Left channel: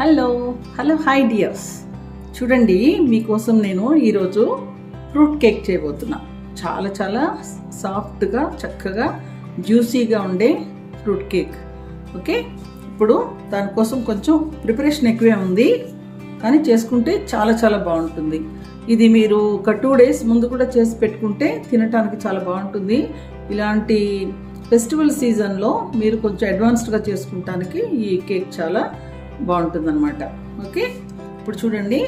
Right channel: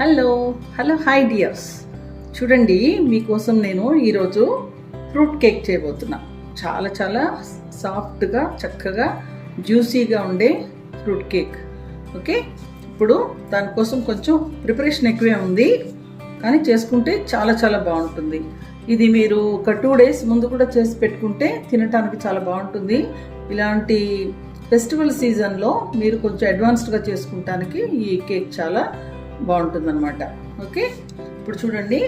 Hello hello hi dears. చూడండి, మీకోసం నేను ఈరోజు ఫ్రూట్ కేక్ చేయబోతున్నా. చాలా చాలా సాఫ్ట్గా, చక్కగా, జ్యూసీగా ఉండే ఫ్రూట్ కేక్. ఓకే, ఇప్పుడు దానికోసం కొంచెం ప్రిపరేషన్ ఎక్కువే ఉంది, కానీ చేసుకుంటే చాలా చాలా బాగుంటుంది. ఇది మీరు ఒక 2 days ముందు కూడా చేసి పెట్టుకుంటే తినటానికి చాలా బాగుంటుంది. ఇలాంటి ఫెస్టివల్ సీజన్లో మీరు కొంచెం అడ్వాన్స్డ్గా చేసుకుంటానికి ఈ కేక్ చాలా బాగుంటుంది అనమాట. ఓకే, ఇప్పుడు చూడండి,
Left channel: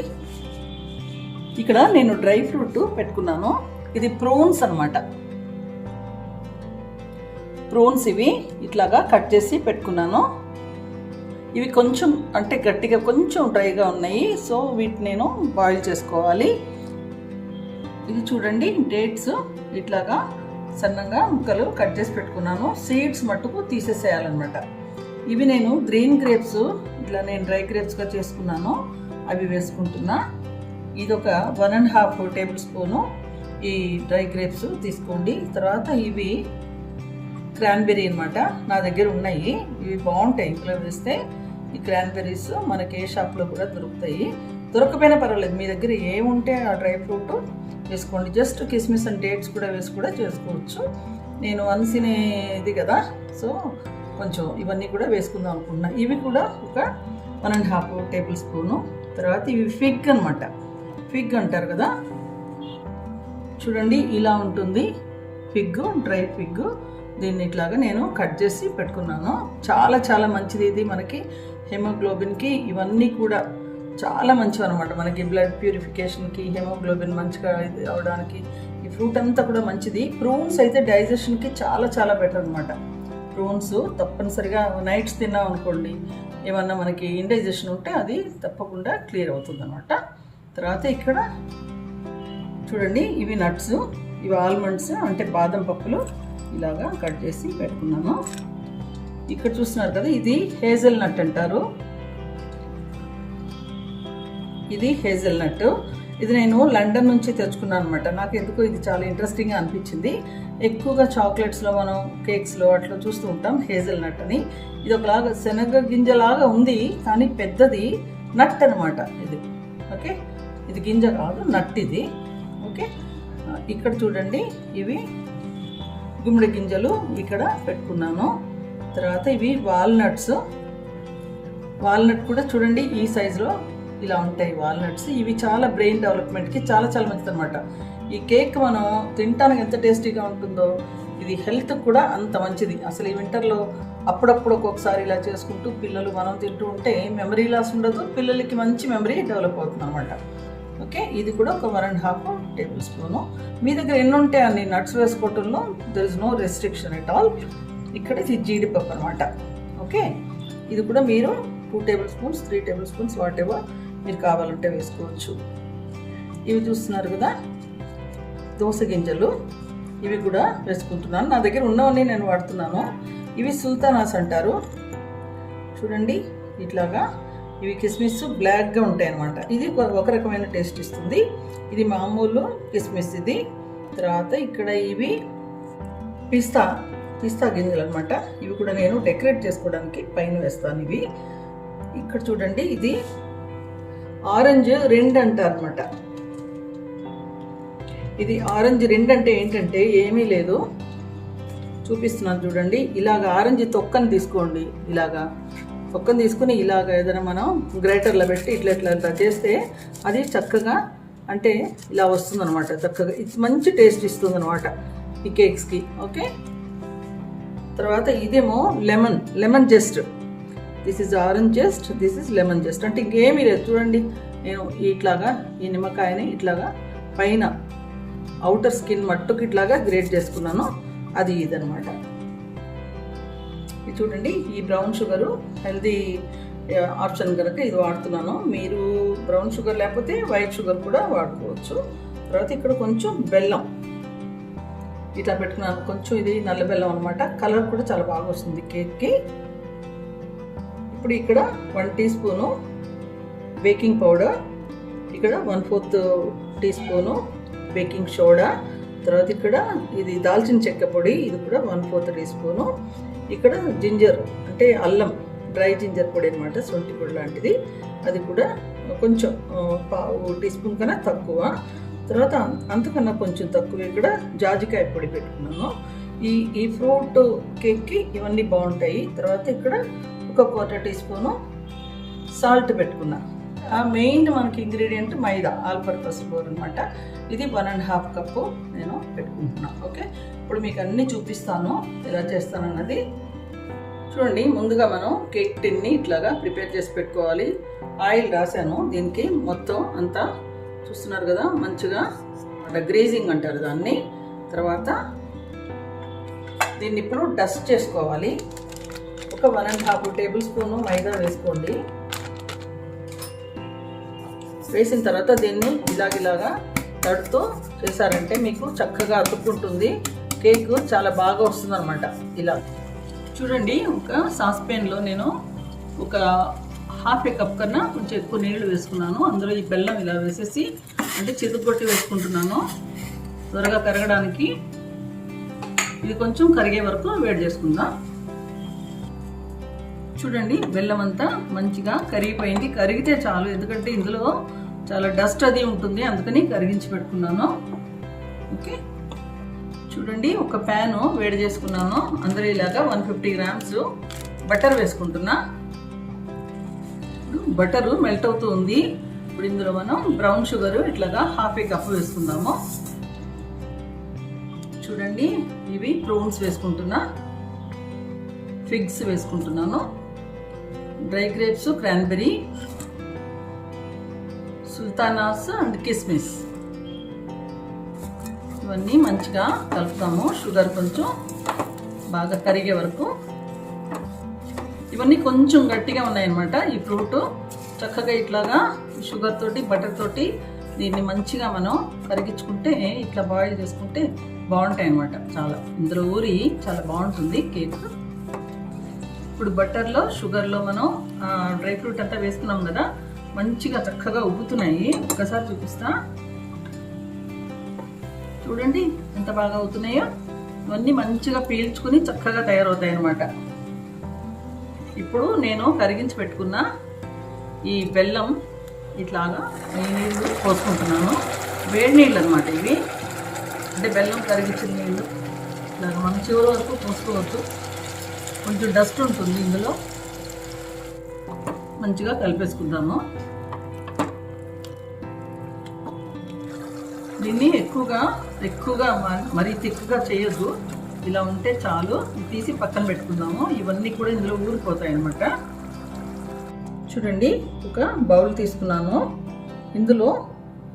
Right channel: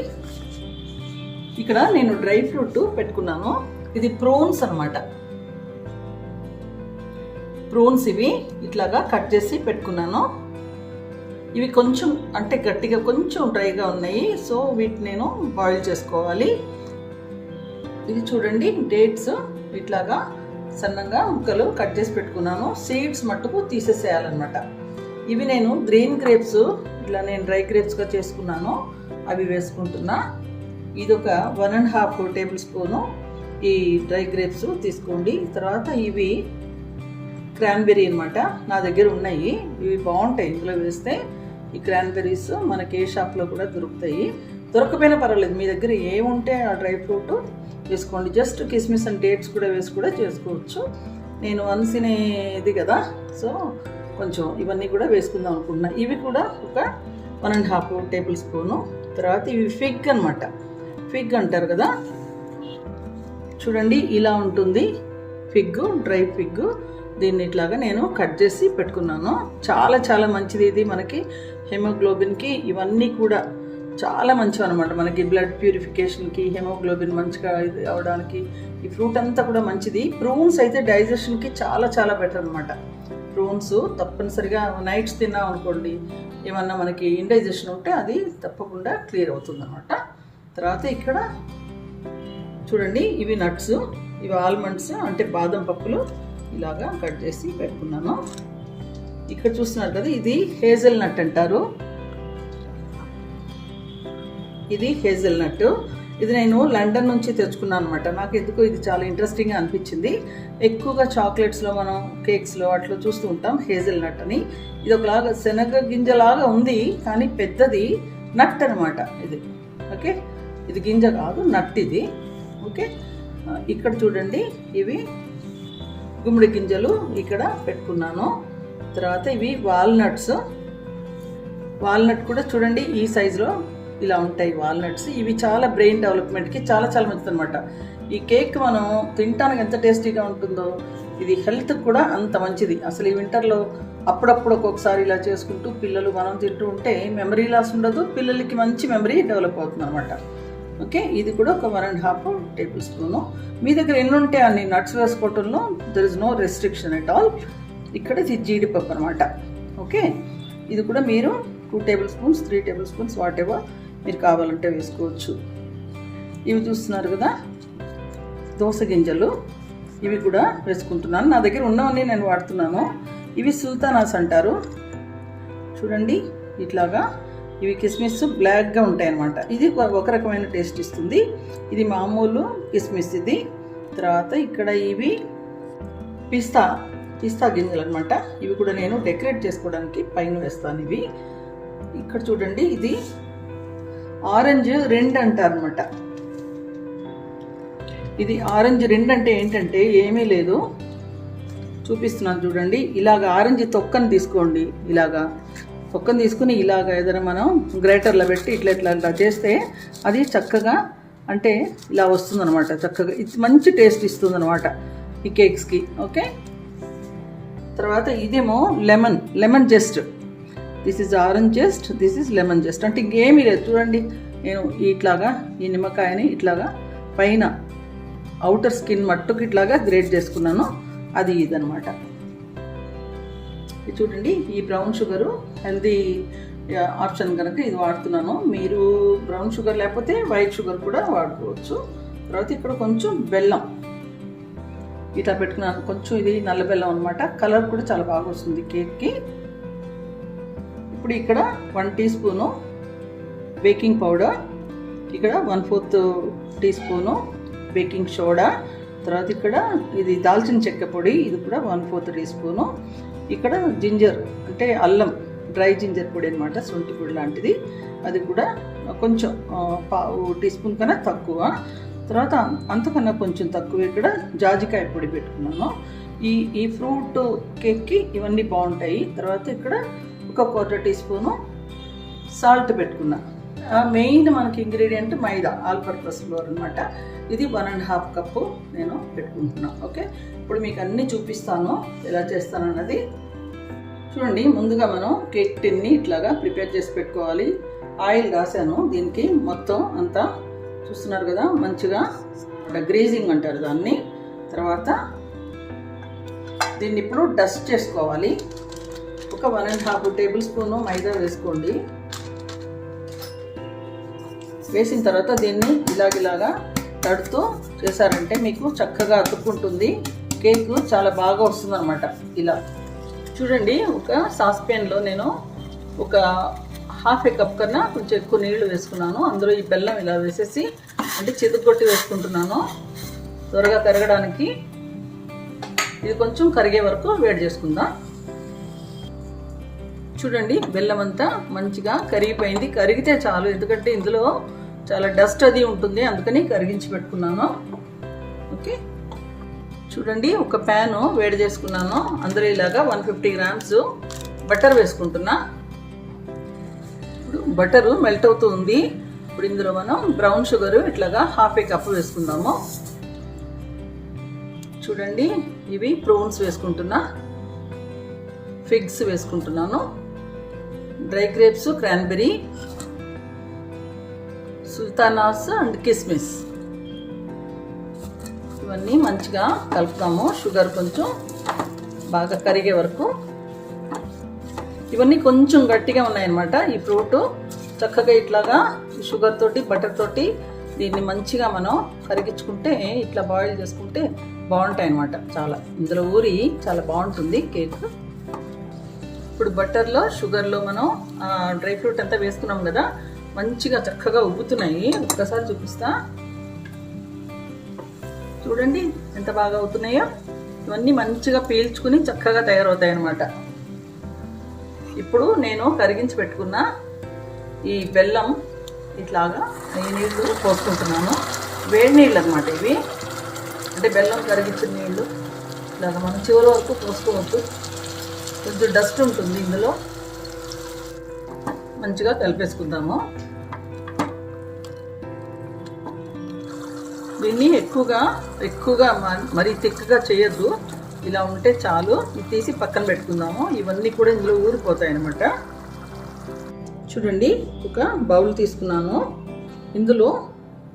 ఇక్కడ నేను డ్రై ఫ్రూట్ పెట్టుకున్నాను. ఇది ప్రోన్స్ అనమాట. ప్రోన్స్ ఇవి ఇట్లాగా కట్ చేసి పెట్టుకున్నాను. ఇవి కొంచెం అంటే గట్టిగా కొంచెం డ్రైగా ఉన్నాయి, సో వీటిని నేను బాయిల్ చేసుకోవాలి. ఇది చూడండి, డేట్స్ ఇట్లాగా సన్నగా ముక్కలు కట్ చేసి పెట్టుకున్నాను. సీడ్స్ మట్టుకు తీసేసేయాలన్నమాట. ఇవి నేను గ్రీన్ గ్రేప్స్ ఇట్లా నేను డ్రై గ్రేప్స్గా చేసుకున్నాను, అవి వేసుకుంటున్నా. ఇది ఒక 1.5 టేబుల్ స్పూను ఈ డ్రై గ్రేప్స్ తీసుకోండి. తర్వాత ఇవి క్రాన్బెర్రీ అనమాట, నా దగ్గర ఉన్నాయి. ఇవి బాగుంటాయి ఇందులో వేస్తే. ఈ క్రాన్బెర్రీస్ మనకి ఏ షాప్లో కూడా దొరుకుతాయి. దొరకపోయినా పర్వాలేదు, మీ దగ్గర ఏముంటే ఆ డ్రై ఫ్రూట్ వేసుకోండి. జస్ట్ కిస్మిస్ అండ్ డేట్స్ కూడా వేసి కూడా చేసుకోవచ్చు. నేను అన్సినేది కదా, సో కొంచెం ఇవన్నీ కూడా వేసుకుందాం అనుకుంటున్నా. ఇవి కూడా ఒక 1.5 టేబుల్ స్పూను. తర్వాత ఇవి ఫిగ్ అనమాట, ఫిగ్ అంటారు కదా. చూడండి, ఇలా ఉంటుంది ఫిగ్, డ్రై ఫిగ్. దీన్ని ఇట్లాగా నేను కట్ చేసి పెట్టుకున్నాను. చాలా చాలా మంచిది ఇది, మనకి హెమోగ్లోబిన్కి ఇవన్నీ కూడా చాలా మంచివి అనమాట. మనకి బ్లడ్ ప్యూరిఫికేషన్కి, హెమోగ్లోబిన్ మంచిగా ఇది అవడానికి ఈ ఫ్రూట్ అంతా కూడా మంచిది. ప్రూన్స్ అయితే డైజెషన్కి చాలా చాలా బెటర్ అనమాట. ప్రోన్స్ తప్పనిసరిగా నైట్స్ తిన్నాం అనుకోండి, ఏమన్నా మనకి ఇండైజెషన్ ఉంటే అది తప్పకుండా క్లియర్ అవుతుంది అనమాట. తర్వాత ఇక్కడ చూడండి, ఇవి నట్స్, ఇవి ఆల్మండ్స్ అంటే బాదం పప్పులు ఇలాగా కట్ చేసి పెట్టుకున్నాను. ఇక్కడ చూస్తున్నారు కదా, ఇది హేజల్ నట్ అంటారు. ఇది హేజల్ నట్. ఇది నేను లండన్ నుంచి తెచ్చుకున్నాను అనమాట. నాకు ఎందుకో ఇది చాలా ఇంట్రెస్టింగ్గా అనిపించింది. ఎక్కువగా చాక్లెట్స్లో మనం కేక్స్లో అట్లా చూస్తూ ఉంటాం హేజల్ నట్ అని. ఇది ఒకలాగా శనగ గింజలాగా ఉంది, కానీ పెద్దది నట్ అనమాట ఇది. ఓకే, ఇది గింజ కాదు, నట్ ఇది. ఓకే, ఇక్కడ చూడండి, ఇవి గుమ్మడి గింజలు ఇక్కడ పెట్టుకున్నాను. తర్వాత ఇవి వాల్నట్స్. వాల్నట్ కూడా చూడండి ఈ సైజులో ఇలా ఉంటాయి వాల్నట్స్. ఇవి చాలా బ్రెయిన్ డెవలప్మెంట్కి చాలా చాలా మంచిది అనమాట. ఈ కేక్ మనం తినడానికి ఎంత టేస్టీగా ఉంటుందో, ఇది హెల్త్కి కూడా అంత మంచిది. అసలు ఈ వింటర్లో అప్పుడప్పుడు ఒక్కొక్కసారి ఇలా చేసుకుంటూ పిల్లలు మనం తింటూ ఉంటే మెమరీ లాస్ ఉండదు, పిల్లలకి మంచి మెమరీ డెవలప్ అవుతుంది అనమాట. ఓకే, ఇది కూడా ఒక 1.5 టేబుల్ స్పూను. మీ దగ్గర ఎన్ని ఉంటే అన్ని నట్స్ వేసుకోవటంలో there is no restriction at all. ఇక్కడ ఇది జీడిపప్పు అనమాట. ఓకే, ఇది కూడా మీరు 2 tablespoons 3 tablespoons whatever మీరు కావాలంటే వేసుకోవచ్చు. ఇవి చూస్తున్నారు కదా, దోస గింజలు, ఇవి కూడా వేసుకుంటున్నాను. నా దగ్గర ఉన్నవన్నీ నేను వాడుతున్నాను. ఇవి సుల్తానాస్ అంటారు. చూడండి ఇట్లాగా, ఇవి కిస్మిస్ బ్లాక్గా ఉంటాయి అన్నమాట. ఇది ఒక రకమైన టేస్ట్ ఇస్తుంది. ఇది మామూలు కిస్మిస్ ఇది. తర్వాత ఇక్కడ ఇవి పిస్తా గింజలు అనమాట. ఇవి కూడా నేను డెకరేట్ చేసుకోవడానికి పైన వేస్తాను. ఇవి ఇక్కడ చూడండి, ఇది ఆరెంజ్ రెండు అంటారు అనమాట. ఇది ఆరెంజ్ రెండు అంటే ఏంటంటే ఏమీ లేదు, చూపిస్తున్నాను చూడండి. ఇలాగ ఆరెంజ్ తొక్కని తీసుకోండి. ఇలాగా తొక్కని తీసుకుని ఇలాగ ఏదైనా మనం గ్రేటర్లో పెట్టి ఇట్లా ఇట్లా ఇట్లా చేస్తే అది చక్కగా అంటే ఇలా వస్తుంది అనమాట. చక్కగా ఇది మంచి టేస్ట్ ఇస్తుంది అనమాట ఈ కేక్స్కి. ఓకే, తర్వాత ఇదేమో lemon just. This is orange just, this is lemon just. అంటే ఇంకేమీ లేదు. చూడండి, నేను ఇట్లాగా ఈ నిమ్మకాయని ఇట్లాగా పైన అవుటర్ స్కిన్ మట్టుకు ఇట్లాగా గ్రేట్ చేసుకున్నాను. అది ఇదనమాట. ఇది చూడండి, ఈ బ్రౌన్ షుగరు హెల్దీ ఆప్షన్ కనుక ఇది వాడుతున్నాను. మీరు బ్రౌన్ షుగర్ లేకపోతే వైట్ షుగర్ కూడా వాడుకోవచ్చు. తర్వాత ఇక్కడ కొంచెం బెల్లం ఇట్లా పెట్టుకున్నాను. కొంచెం ఇది నల్ల బెల్లం అనమాట. కలర్ కూడా చాలా బాగా వస్తుంది కేక్కి. ఇప్పుడు ఇక్కడ 1 టీ స్పూను బేకింగ్ పౌడర్, ఇక్కడ 1/4 టీ స్పూను బేకింగ్ సోడా. తర్వాత ఇక్కడ ఇది దాల్చిన చెక్క పొడి, ఇది కూడా 1/4 టీ స్పూను. ఇక్కడ జింజర్ అంటే అల్లం, డ్రై జింజర్ పొడి అనమాట, శొంఠి పొడి లాంటిది. అది కూడా కొంచెం పావు టీ స్పూన్ కన్నా తక్కువ. తర్వాత అంతకన్నా కొంచెం తక్కువ ఇక్కడ జాజికాయ పొడి పెట్టుకున్నాను. ఈ ఫ్రూట్ కేక్కి ఇవన్నీ బాగుంటాయి. తర్వాత ఇక్కడ ఒక 1/4 టీ స్పూను సాల్ట్ పెట్టుకున్నా. మెయిన్ మనకి ఇంగ్రీడియంట్ మైదా, ఆల్ పర్పస్ ఫ్లోర్ అనమాట. ఇది 1.5 కప్పు నేను పెట్టుకుంటున్నాను. ఓకే, ఇప్పుడు మీకు అన్నీ చూపిస్తాను ఎలా చేస్తానన్నది. చూడండి, ముందుగా మనం కేక్ టిన్ని ఇట్లాగా ప్రిపేర్ చేసి పెట్టుకోవాలి. ఆయిల్ రాశాను దీనికి మొత్తం అంతా, చూస్తున్నారు కదా, మంచిగా గ్రేజింగ్ అంటారు దాన్ని. తర్వాత దీన్ని ఇప్పుడు డస్ట్ చేసుకోవాలి. ఒక 1.5 టేబుల్ స్పూను మైదా వేసుకోండి. వేసిన తర్వాత దీన్ని ఇలాగా తడుతూ చేశారంటే మీకు చక్కగా అతుక్కుంటుంది. కేక్ చాలా బాగా వస్తుంది అనమాట. ఇలా చూడండి, ఒక సాస్పాన్లో నేను ఒక 1/2 కప్ కన్నా కొంచెం ఎక్కువ నీళ్లు వేసుకున్నాను. అందులో ఈ బెల్లం ఇలా వేసేసి అంటే చిదుగొట్టి వేసుకుంటున్నాను త్వరగా కరగడానికి. ఇది కొంచెం కరిగే వరకు వేడి చేసుకుందాం. చూడండి, బెల్లం అంతా మంచిగా కరిగిపోయింది. కరిగితే చాలు, ఎందుకంటే ఇందులో చాలా డస్ట్ అది ఉంటుంది, అందుకని కరిగించి పెట్టుకున్నాను. ఓకే, చూడండి, ఒక ప్యాను వేడి చేసుకున్నాను. అందులో ఇలాగా 150 గ్రామ్స్ బటర్ వేసుకుంటున్నా. ఇప్పుడు బటరు మెల్ట్ అవుతూ ఉంది. ఇప్పుడు ఇందులో మనం బ్రౌన్ షుగర్ ఇట్లాగా 1/2 కప్పు వేసుకుందాము. చూడండి, ఇవి ప్రూన్స్ వేసుకుంటున్నా, ఫిగ్స్ వేసుకుంటున్నాను, డ్రై గ్రేప్స్, క్రాన్బెర్రీ, సుల్తానాస్ అండ్ కిస్మిస్. ఇవన్నీ మంచిగా కలుపుతాము. షుగర్ కొంచెం బాగా కరిగే వరకు. ఇవన్నీ కొంచెం గట్టిగా ఉన్నాయన్నమాట. ఈ ఫ్రూట్ చక్కగా ఇట్లాగా షుగర్ తోటి బటర్ తోటి దీన్ని మంచిగా మనం కరిగించుకుంటే, ఇట్లా బాయిల్ చేసుకుంటే బాగుంటాయి అన్నమాట. చాలా ఇందులో ఊరి చాలా బాగుంటుంది కేక్. ఇప్పుడు బటర్లో షుగర్లో మనం డ్రై ఫ్రూట్ అంతా వేసుకున్నాం కదా, మంచిగా చక్కగా ఉబ్బుతున్నాయి. ఒక్కసారి చూపిస్తా. చూడండి ఎంత బాగా అవుతున్నాయో. ఇవన్నీ మంచిగా పీల్చుకుని చక్కగా తయారవుతాయి అన్నమాట. ఇప్పుడు నేను కరిగించి పెట్టుకున్న ఈ బెల్లం ఇట్లాగా ఈ నీళ్ళు పోసుకుంటున్నాను. వేడి నీళ్ళు అన్నమాట ఇవి, అంటే బెల్లం కరిగించిన నీళ్ళు. ఇలాగ మనం చివరి వరకు పోసుకోవద్దు, కొంచెం డస్ట్ ఉంటుంది ఇందులో. మంచిగా కలిపేసుకుందాము. దీన్ని ఎక్కువగా మరీ థిక్గా చేయొద్దు. ఇలా ఉంటే చాలు. తీసి పక్కన పెట్టుకుందాము. ఇవన్నీ కూడా ఇందులో ఊరిపోతాయి అన్నమాట. చూడండి, ఒక బౌల్ తీసుకున్నాను. ఇందులో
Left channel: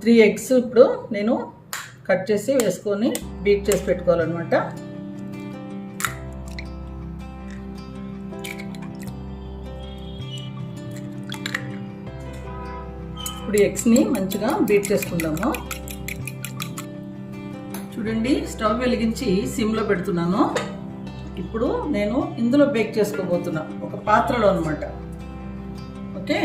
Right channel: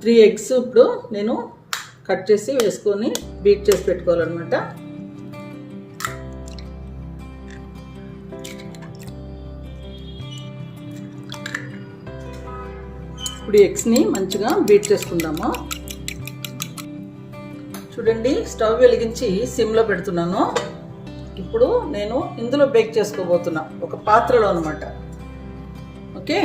3 ఎగ్స్ ఇప్పుడు నేను కట్ చేసి వేసుకొని బీట్ చేసి పెట్టుకోవాలన్నమాట. ఇప్పుడు ఎగ్స్ని మంచిగా బీట్ చేసుకుందాము. చూడండి, స్టవ్ వెలిగించి సిమ్లో పెడుతున్నాను. ఇప్పుడు నేను ఇందులో బేక్ చేసుకోబోతున్నా, ఒక పాత్రలో అన్నమాట. ఓకే,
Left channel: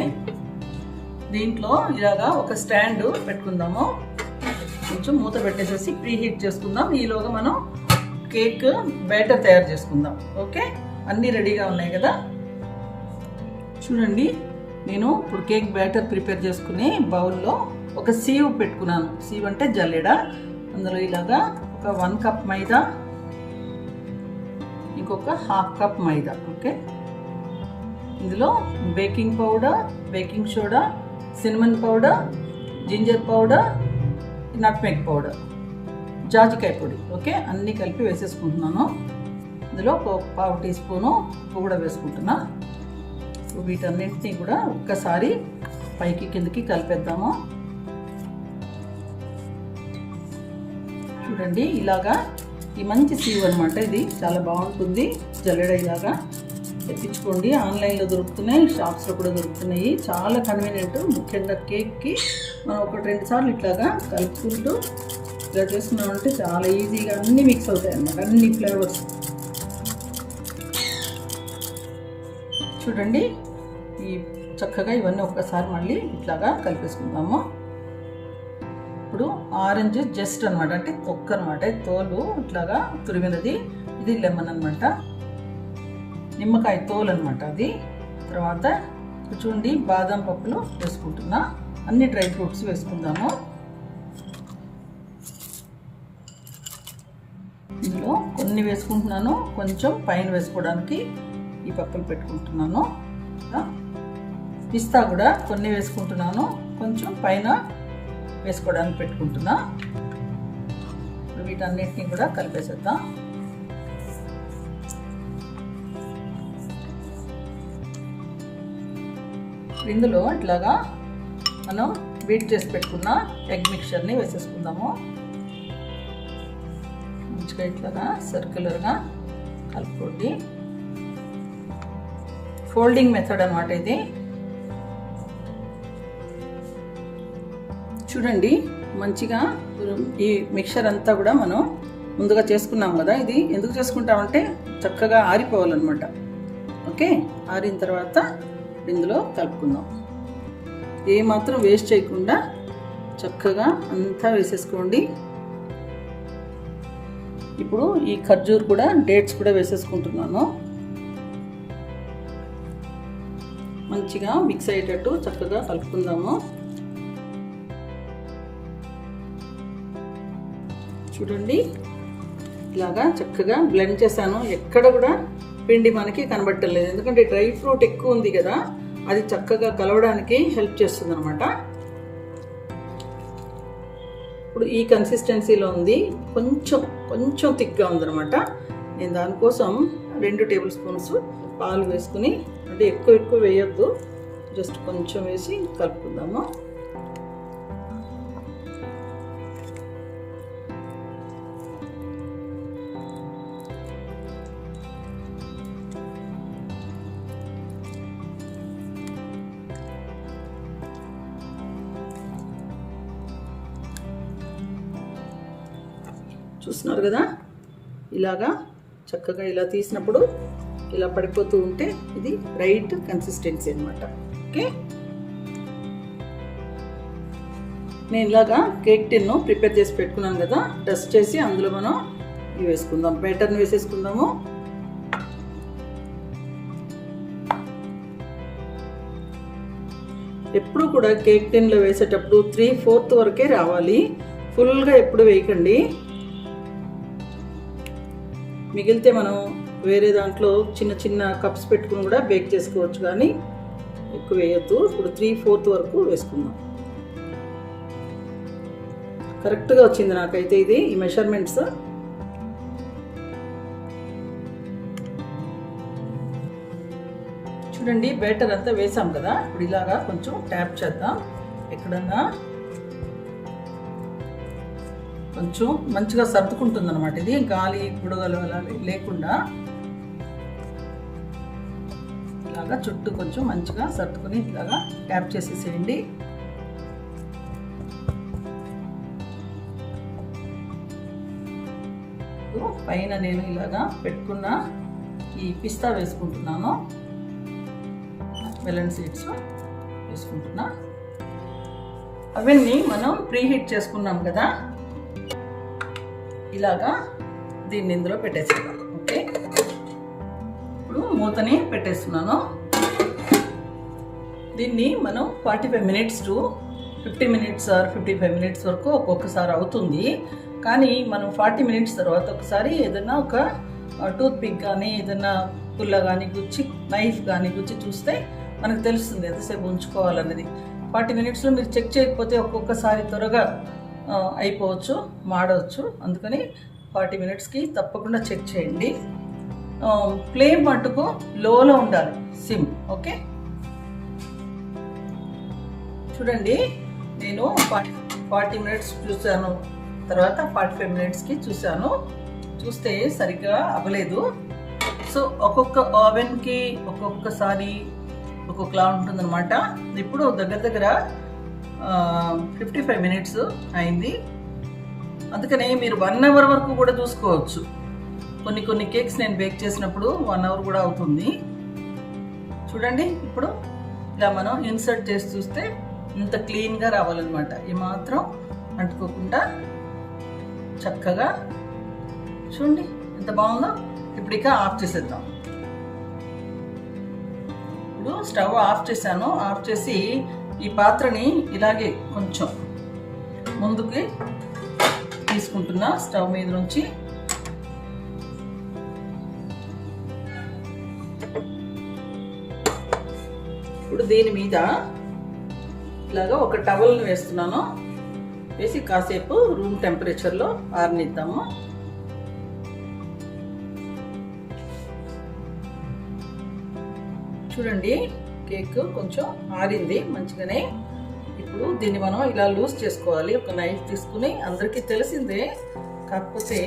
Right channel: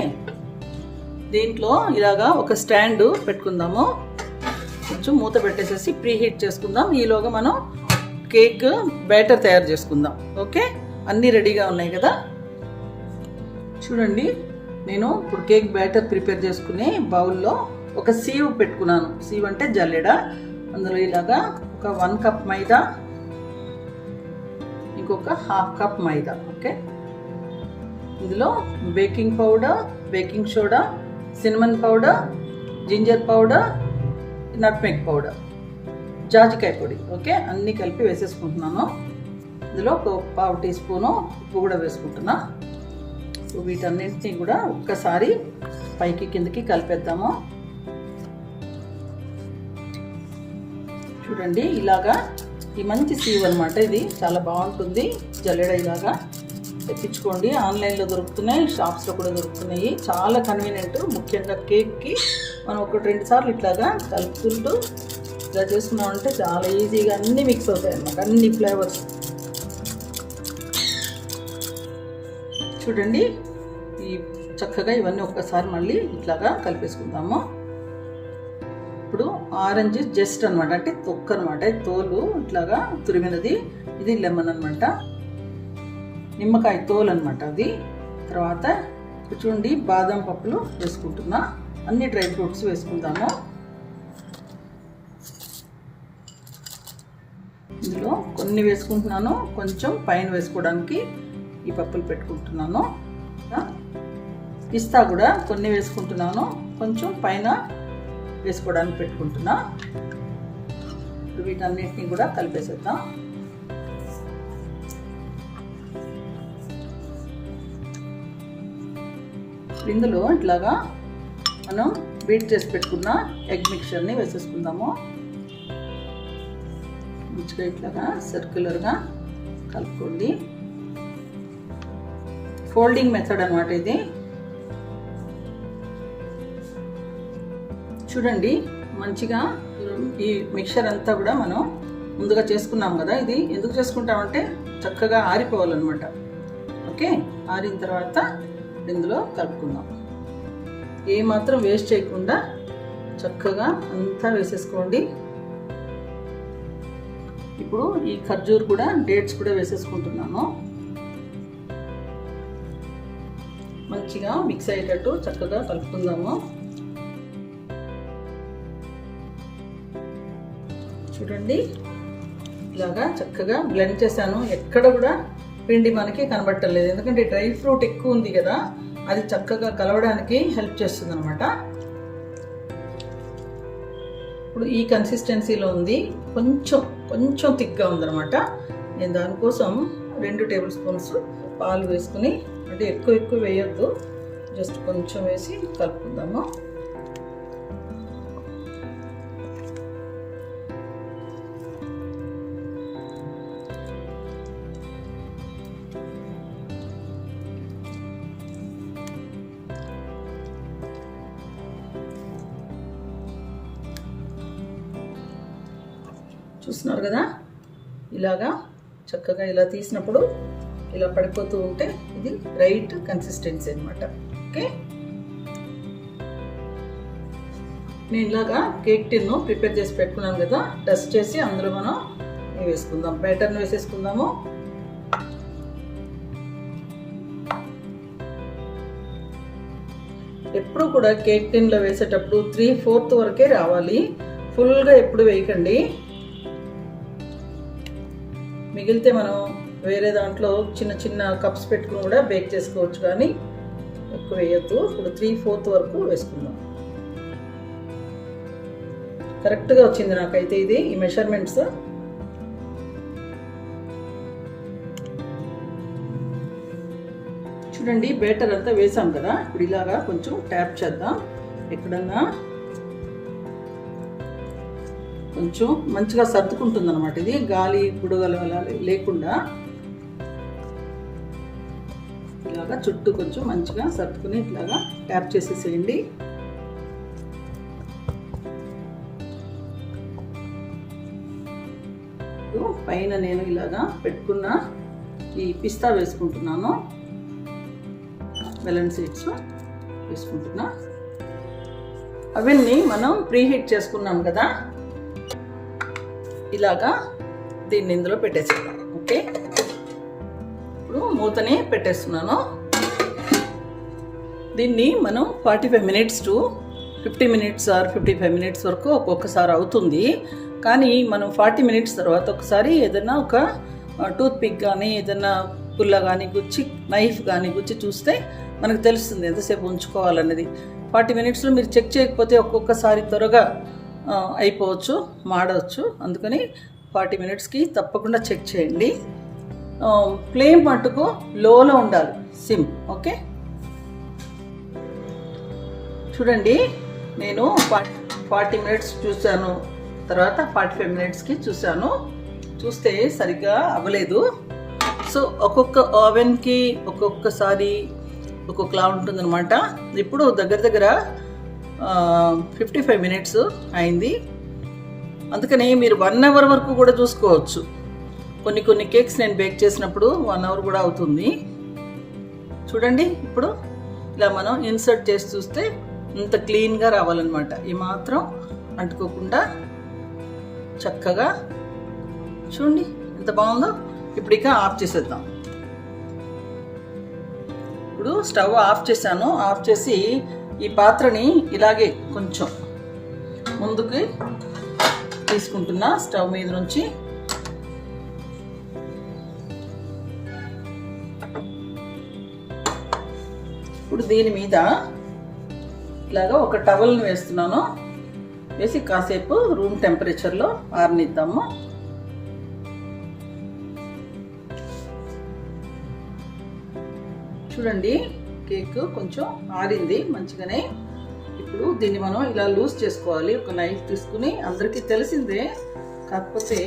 దీంట్లో ఇలాగా ఒక స్టాండ్ పెట్టుకుందాము. కొంచెం మూత పెట్టేసేసి ప్రీ హీట్ చేసుకుందాం. ఈలోగా మనం కేక్ బ్యాటర్ తయారు చేసుకుందాం. ఓకే, అన్నీ రెడీగా ఉన్నాయి కదా. చూడండి, నేను ఇప్పుడు కేక్ బ్యాటర్ ప్రిపేర్ చేసుకుని బౌల్లో ఒక సీవ్ పెట్టుకున్నాను. సీవ్ అంటే జల్లెడ. అందులో ఇలాగా ఒక 1 కప్ మైదా, ఇంకొక 1/2 కప్ మైదా. ఓకే, ఇందులో baking powder, baking soda, cinnamon powder, ginger powder, nutmeg powder, జాజికాయ పొడి. ఓకే, అన్నీ కలిపి వేసేసుకుంటున్నాను. ఇందులో ఒక 1/2 టీ స్పూను ఉప్పు కూడా వేసుకుంటున్నా. వీటన్నింటినీ కూడా ఒక్కసారి పైకి కిందకి కలిపేద్దాము. చూడండి, ఇలాగా ఈ మంచి సీవ్ అనమాట. ఇది చాలా బాగుంటుంది. జల్లెడ ఇలాగా తెప్పించుకోండి. ఆన్లైన్లో దొరుకుతున్నాయి, షాప్స్లో కూడా దొరుకుతున్నాయి. చాలా కన్వీనియంట్. ముఖ్యంగా కేక్కి మనం 1-2 సార్లు ఇట్లాగా కలుపుకుంటూ ఇలా చేసుకున్నామంటే చాలా ఈజీగా అన్నీ మిక్స్ అవుతాయి అన్నమాట, అన్ని ఫ్లేవర్స్. చూడండి, ఈ చక్కగా ఇవన్నీ ఒక్కసారి మళ్ళీ ఇట్లాగా కలిపేసుకుందాము. ఇప్పుడు ఆరెంజ్ జస్ట్ అనమాట, అంటే తొక్క అనమాట, తోలు ఇట్లాగా తురిమినది. ఇది లెమన్ అనమాట, నిమ్మకాయ తోలు అనమాట అది. తర్వాత చూడండి బాదం పప్పులు వేసుకుంటున్నా, అన్ని డ్రై ఫ్రూట్స్ వేసుకుందాము. ఇందులో కొన్ని వేసుకుంటున్నాను, కొంచెం పైన వేసుకోవడానికి ఈ పప్పులు పెట్టుకుంటున్నాను. పిస్తా కూడా కొన్ని వేసుకుంటున్నాను, కొంచెం పైన వేసుకోవడానికి పెట్టుకుంటున్నా. వీటన్నిటిని కూడా కలిపేసేద్దాం. ఇందులో ఇట్లాగా మనం బీట్ చేసి పెట్టుకున్న ఎగ్ మిక్చర్ని వేసేసుకుందాము. మంచిగా ఇట్లాగా సర్క్యులర్గా కలుపుకోండి. ఫోల్డింగ్ మెథడ్ అన్నమాట ఇది. చూడండి మంచిగా ఈ మిక్చర్ అంతా కూడా మనం ముందుగా చేసుకున్నాం కదా, ఇది ఎందుకు చేసుకుంటామంటే చక్కగా ఆరిపోవాలన్నమాట. ఓకే, ఆరిన తర్వాత ఇందులో కలుపుకుందాం. ఏమాత్రం వేస్ట్ చేయకుండా చక్కగా అంతా వేసేసుకోండి. ఇప్పుడు ఈ ఖర్జూర్ కూడా, డేట్స్ కూడా వేసేసుకుంటున్నాను. మంచిగా మిక్స్ అయ్యేటట్టు చక్కగా కలుపుకుందాము. చూడండి ఇలాగా చక్కగా బ్లెండ్ చేశాను. ఎక్కడ కూడా పిండి మనకి కనబట్టలేదు, ఎందుకంటే డ్రై ఫ్రూట్ ఎక్కువ ఉంది కదా, అది చక్కగా కలవడానికి హెల్ప్ చేస్తుంది అనమాట. ఇప్పుడు ఈ కన్సిస్టెన్సీలో ఉంది, కొంచెం థిక్గా ఉందన్నమాట. నేను దానికోసం 2 టేబుల్ స్పూన్స్ పాలు వేసుకుని, అంటే ఎక్కువ వేయొద్దు, జస్ట్ కొంచెం వేసి కలుపుకుందాము. చూస్తున్నారు కదా, ఇలాగా చక్కగా ఇలా తీసినప్పుడు ఇలా పడిపోతూ ఉంటే ఇది రైట్ కన్సిస్టెన్సీ అనమాట. ఓకే, నేను ఇలాగా కేక్ టిన్ను ప్రిపేర్ చేసి పెట్టుకున్నాను కదా, డస్ట్ చేసి అందులో మనం ఇవి వేసుకుందాం. బ్యాటర్ని వేసేసుకుందాము. ఎప్పుడు కూడా కేక్ టిన్లో వేసేటప్పుడు 3/4 వరకే రావాలి, ఫుల్గా ఎప్పుడు వేయకండి. మిగిలితే మనం వేరే దాంట్లో చిన్న కప్స్ పెట్టుకుని కూడా బేక్ చేసుకోవచ్చు, కానీ ఎక్కువ వేయద్దు. ఇప్పుడు 3/4 వరకు వేసుకుందాం. కరెక్ట్గా వచ్చింది నాకైతే ఇది, ఈ మెషర్మెంట్స్. చూడండి బ్యాటర్ అంతా వేసాం కదా, ఇప్పుడు ఇలాగా కొంచెం ట్యాప్ చేద్దాం. ఎక్కడన్నా కొంచెం మంచిగా సర్దుకుంటుంది అనమాట. ఇది గాలి బుడగలు అలా లేకుండా ఇలాగా చుట్టూ కొంచెం మంచిగా సర్దుకుని ఇలాగా ట్యాప్ చేసేసేయండి. పైన నేను ఇలాగా పెట్టుకున్న ఈ పిస్తా వేసుకుంటున్నాను, మెలన్ సీడ్స్ వేసుకుంటున్నా. అవన్నీ మనం ప్రీహీట్ చేసుకున్నాం కదా, ఇలాగా దీన్ని ఇందులో పెట్టేసుకున్నాను. ఓకే, ఇప్పుడు మూతని పెట్టేస్తున్నాను. దీన్ని మనం 45 minutes to 50 minutes or 55 minutes వరకు ఒక్కొక్కసారి అవుతుంది. కానీ మనం 40 minutes తర్వాత ఒకసారి ఏదైనా ఒక టూత్ పిక్ కానీ ఏదైనా పుల్ల కానీ గుచ్చి, నైఫ్ కానీ గుచ్చి చూస్తే మనకు తెలుస్తుంది ఎంతసేపు ఉంచుకోవాలన్నది. 40 minutesలో మీరు చెక్ చేయకపోతే ఒక్కొక్కసారి త్వరగా అయిపోవచ్చు, మాడవచ్చు. అందుకని 40 minutesకి తప్పకుండా చెక్ చేయండి. ఫ్లేమ్ మట్టుకు లోలో ఉండాలి, సిమ్. ఓకే, చూడండి నేను 40 minutes చూశాను, తర్వాత 45 minutesకి చూశాను. చూస్తే సరిగ్గా అవ్వలేదు. సో ఒక్కొక్క ఓవెన్కి ఒక్కొక్కసారి ఒక్కొక్కలా ఉంటుందన్నమాట. ఇప్పుడు దగ్గర 55 minutes అయింది. అందుకని మీరు 1 hour వరకు కూడా చూసుకోవచ్చు. కొన్ని కేక్స్ నేను బేక్ చేసినప్పుడు 1 hour కూడా అవుతుంది. చూడండి ఇప్పుడు ఇలా మనం ఇన్సర్ట్ చేసి చూస్తే ఇంత క్లీన్గా రావాలన్నమాట. ఈ మాత్రం అంటుకోకుండా చక్కగా చూడండి ఎంత బాగుందో. ఇప్పుడు ఇక ఆఫ్ చేసేద్దాం. ఇప్పుడు స్టవ్ ఆఫ్ చేశాను. ఆఫ్ చేసి ఈ పాత్రని ఇలాగే కొంచెం ముందుకి తీసుకుంటున్నా స్టవ్ మీద నుంచి. ఇప్పుడు దీని మీద ఇలాగా ఒక టవల్ని వేస్తున్నాను. వేసి కాసేపు రూమ్ టెంపరేచర్లో ఆరనిద్దాము. చూడండి, కేక్ కొంచెం ఆరింది మంచిగానే. ఇప్పుడు దీన్ని మనం ఇలా లూజ్ చేసుకోవాలి. ఒక నైఫ్ తీసుకుని, అందరికీ తెలిసిందే, కాకపోతే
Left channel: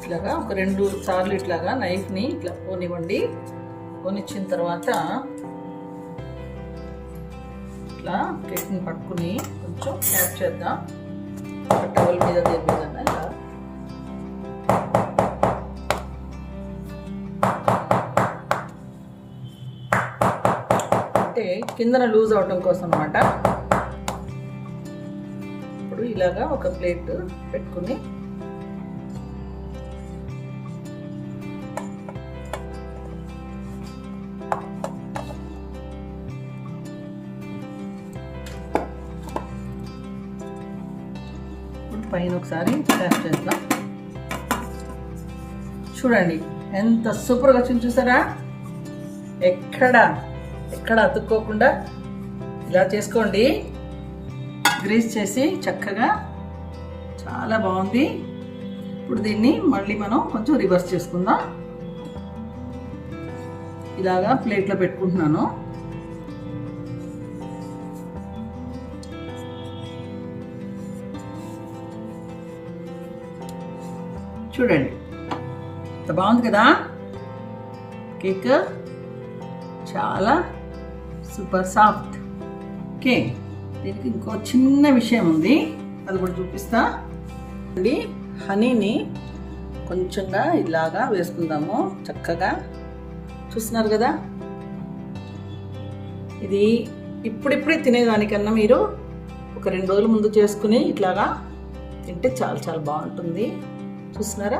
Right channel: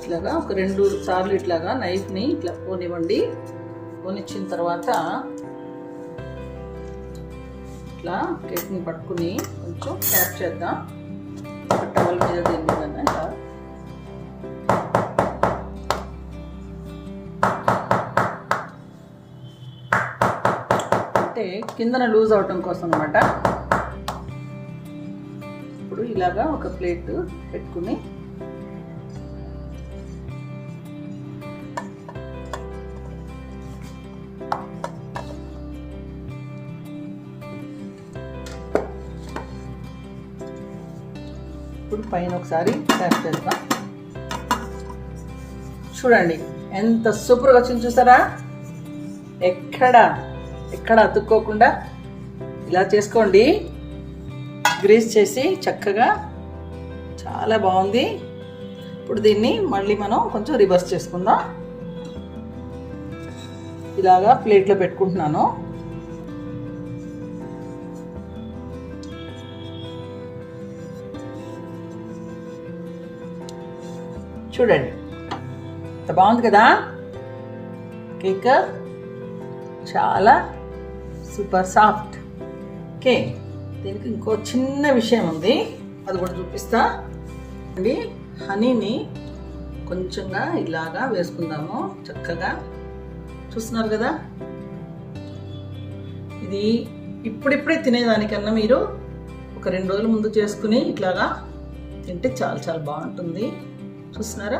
ఇట్లాగా ఒక 2 సార్లు ఇట్లాగా నైఫ్ని ఇట్లా పోనివ్వండి. పోనిచ్చిన తర్వాత ఇట్లా కేక్ని పట్టుకుని కొంచెం ట్యాప్ చేద్దాం. టవల్ మీద దేని మీద ఇలా అంటే కిందన లూజ్ అవటం కోసం అన్నమాట. ఇప్పుడు ఇలాగా ఒక ప్లేట్ పెట్టుకుని ఇప్పుడు పైన ఒకసారి ట్యాప్ చేద్దాం. చూడండి ఎంత సూపర్గా వచ్చింది, చూసారా? ఎక్కడ అతుక్కోకుండా ఇలా చేసుకోండి. గ్రీస్ చేసి చక్కగా, చాలా బాగుంది. ఇప్పుడు దీన్ని మళ్ళీ మనం కొంచెం రివర్స్ చేసుకుందాం. ఇలాగా ప్లేట్లో పెట్టుకుంటున్నాను. చూడండి ఎంత బాగుంది కదా కేక్, చాలా సూపర్ సాఫ్ట్. ఓకే, దీనికి ఇంకో చిన్న విషయం ఉంది, అది కూడా చూపిస్తా. అండి, హనీని కొంచెంగా ఇలాగా వేసుకుందాము చక్కగా. చూస్తున్నారు కదా, ఇది ఇప్పుడిప్పుడే తినేదానికన్నా మీరు ఒక 2 రోజుల ముందు చేసుకుని ఇట్లాగా తింటే చాలా చాలా బాగుంటుంది. చూస్తున్నారా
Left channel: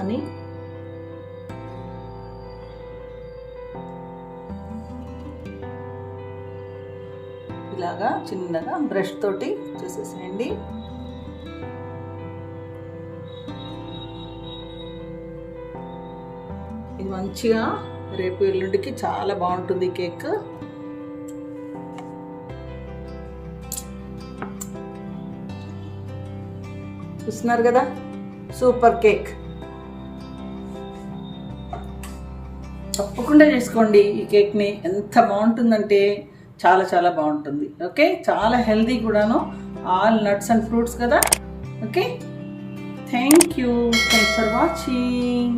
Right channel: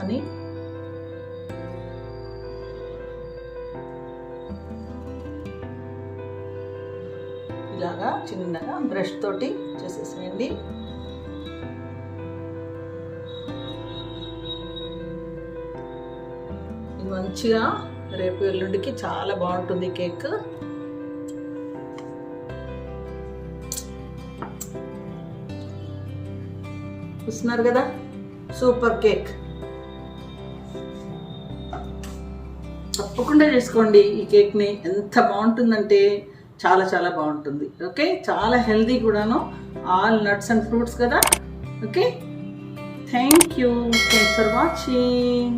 అని ఇలాగా చిన్నగా బ్రష్ తోటి చేసేసేయండి. ఇది మంచిగా రేపు ఎల్లుండికి చాలా బాగుంటుంది కేక్. చూస్తున్నారు కదా, సూపర్ కేక్. తప్పకుండా చేసుకోండి ఈ కేక్ని. ఎంత బాగుంటుందంటే చాలా చాలా బాగుంటుంది. ఓకే, చాలా హెల్దీ కూడాను. ఆల్ నట్స్ అండ్ ఫ్రూట్స్ కదా. Okay, thank you for watching.